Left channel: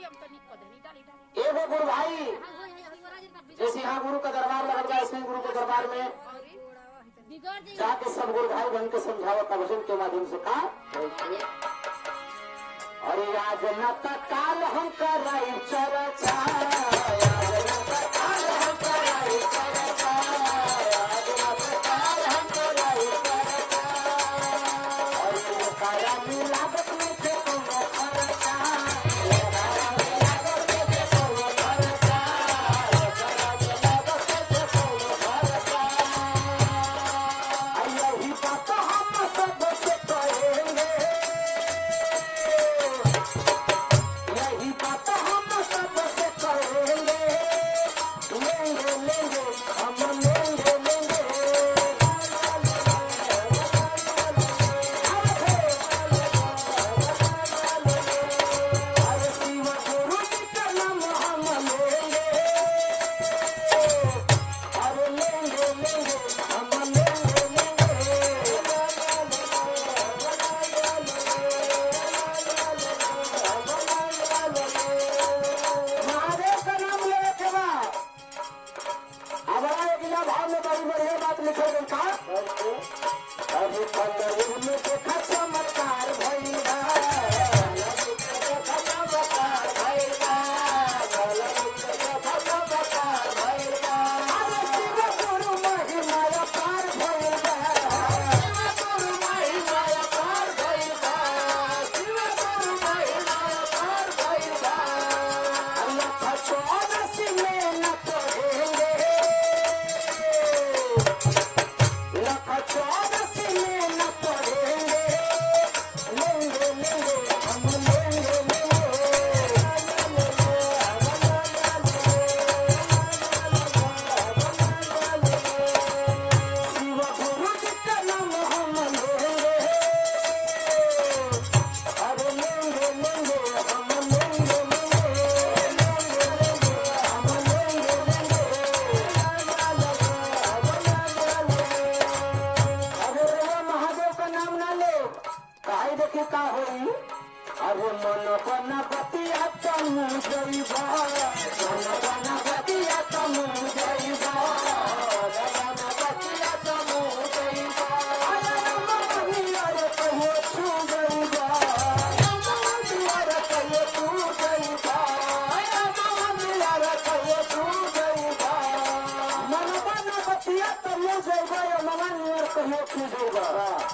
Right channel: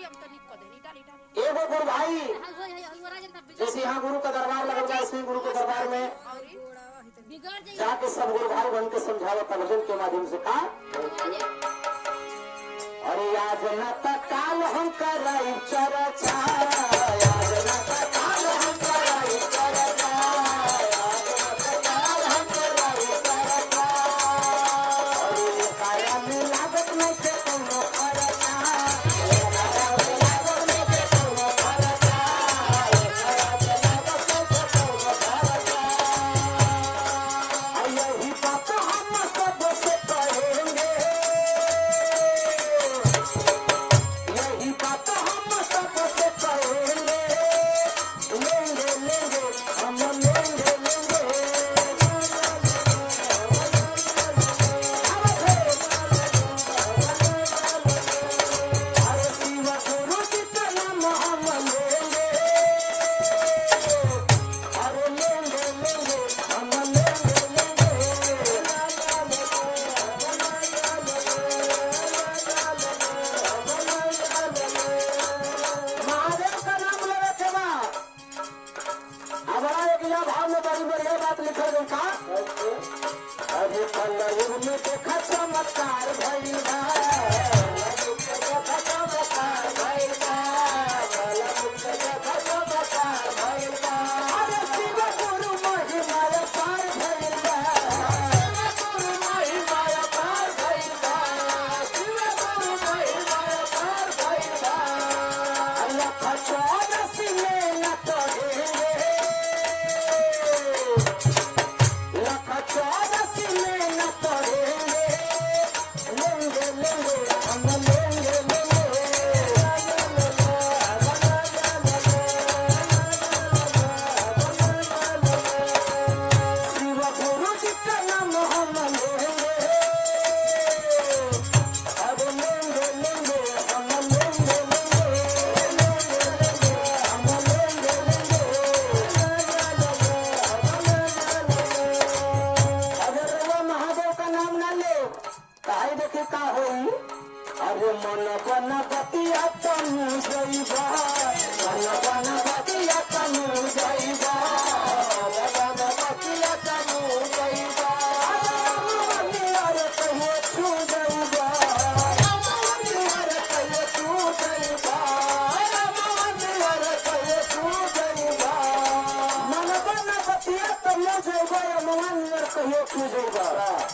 एगो गुरु भाई जैसे यहाँ गुरु का दरबार लग जाए, ऐसे गुरु के दरबार में जाके सब गुरु भाई बन के समझावत भजन के माध्यम से कहा, अरे आज न काल हम कराई चर्चा,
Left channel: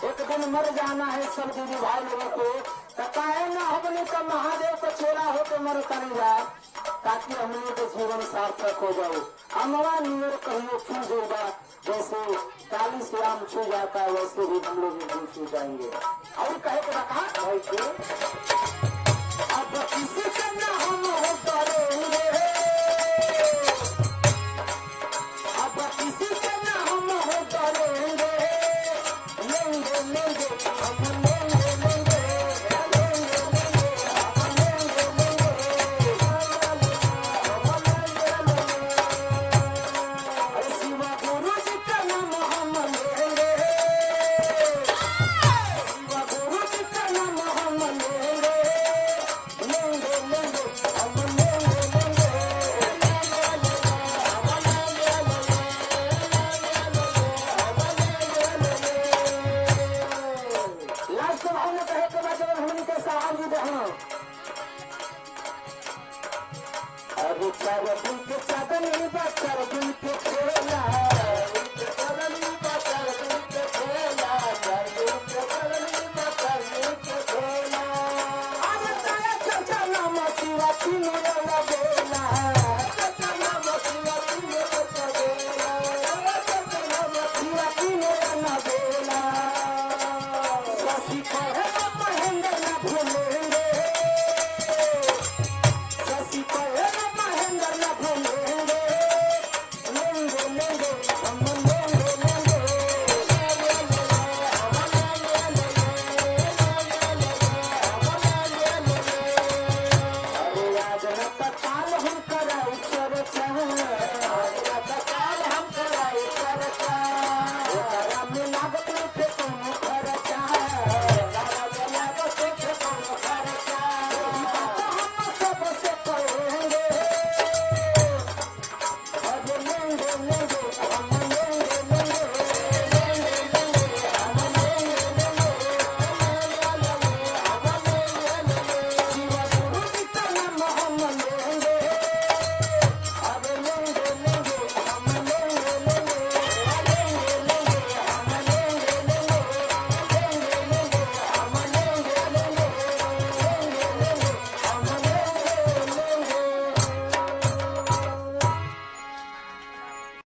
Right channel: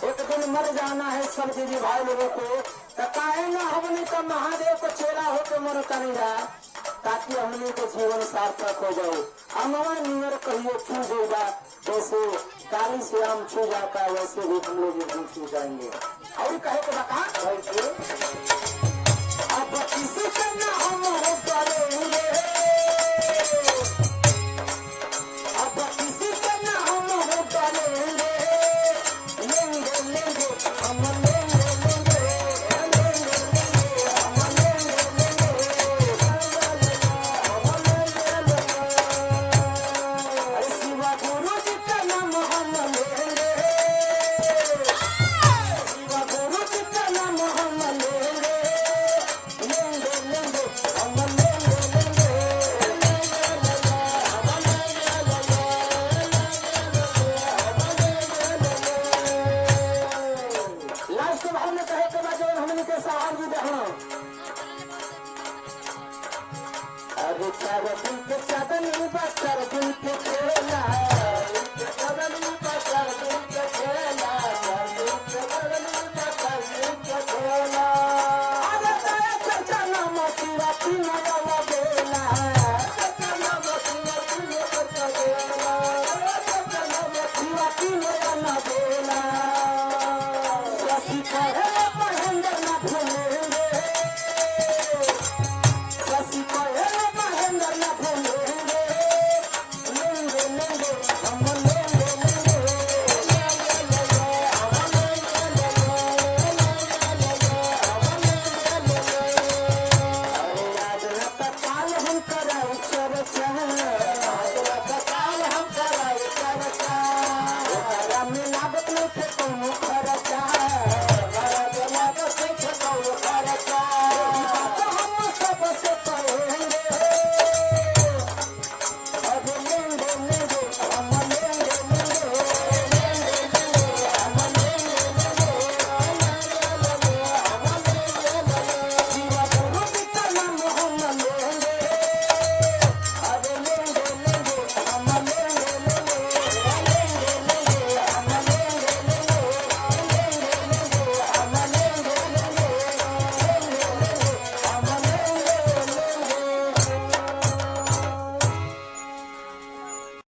एक दिन मर जाना है सब दीदी भाई लोगों को, ना हमने तो महादेव का चेहरा होकर मर करेगा ताकि हमने के जीवन सार्थक हो जाए। अमवा नियर कहियो छू जाएगा, जैसे काली श्याम छू जाता वैसे भी हम लोग नहीं छू जाएंगे। और कहे तो बता भाई अब किसी करना हम करेंगे, अब किसी करना हम करेंगे, लेंगे लेंगे हम लेंगे लेंगे शिवा गुरु जी का नाम हम लेंगे, शिवा गुरु जी का नाम हम लेंगे, लेंगे लेंगे हम लेंगे लेंगे। लास्ट भावना कहे के बाद जब हमने के सवाल भी देखना, अरे चार दिन के चादर चार दिन के खेला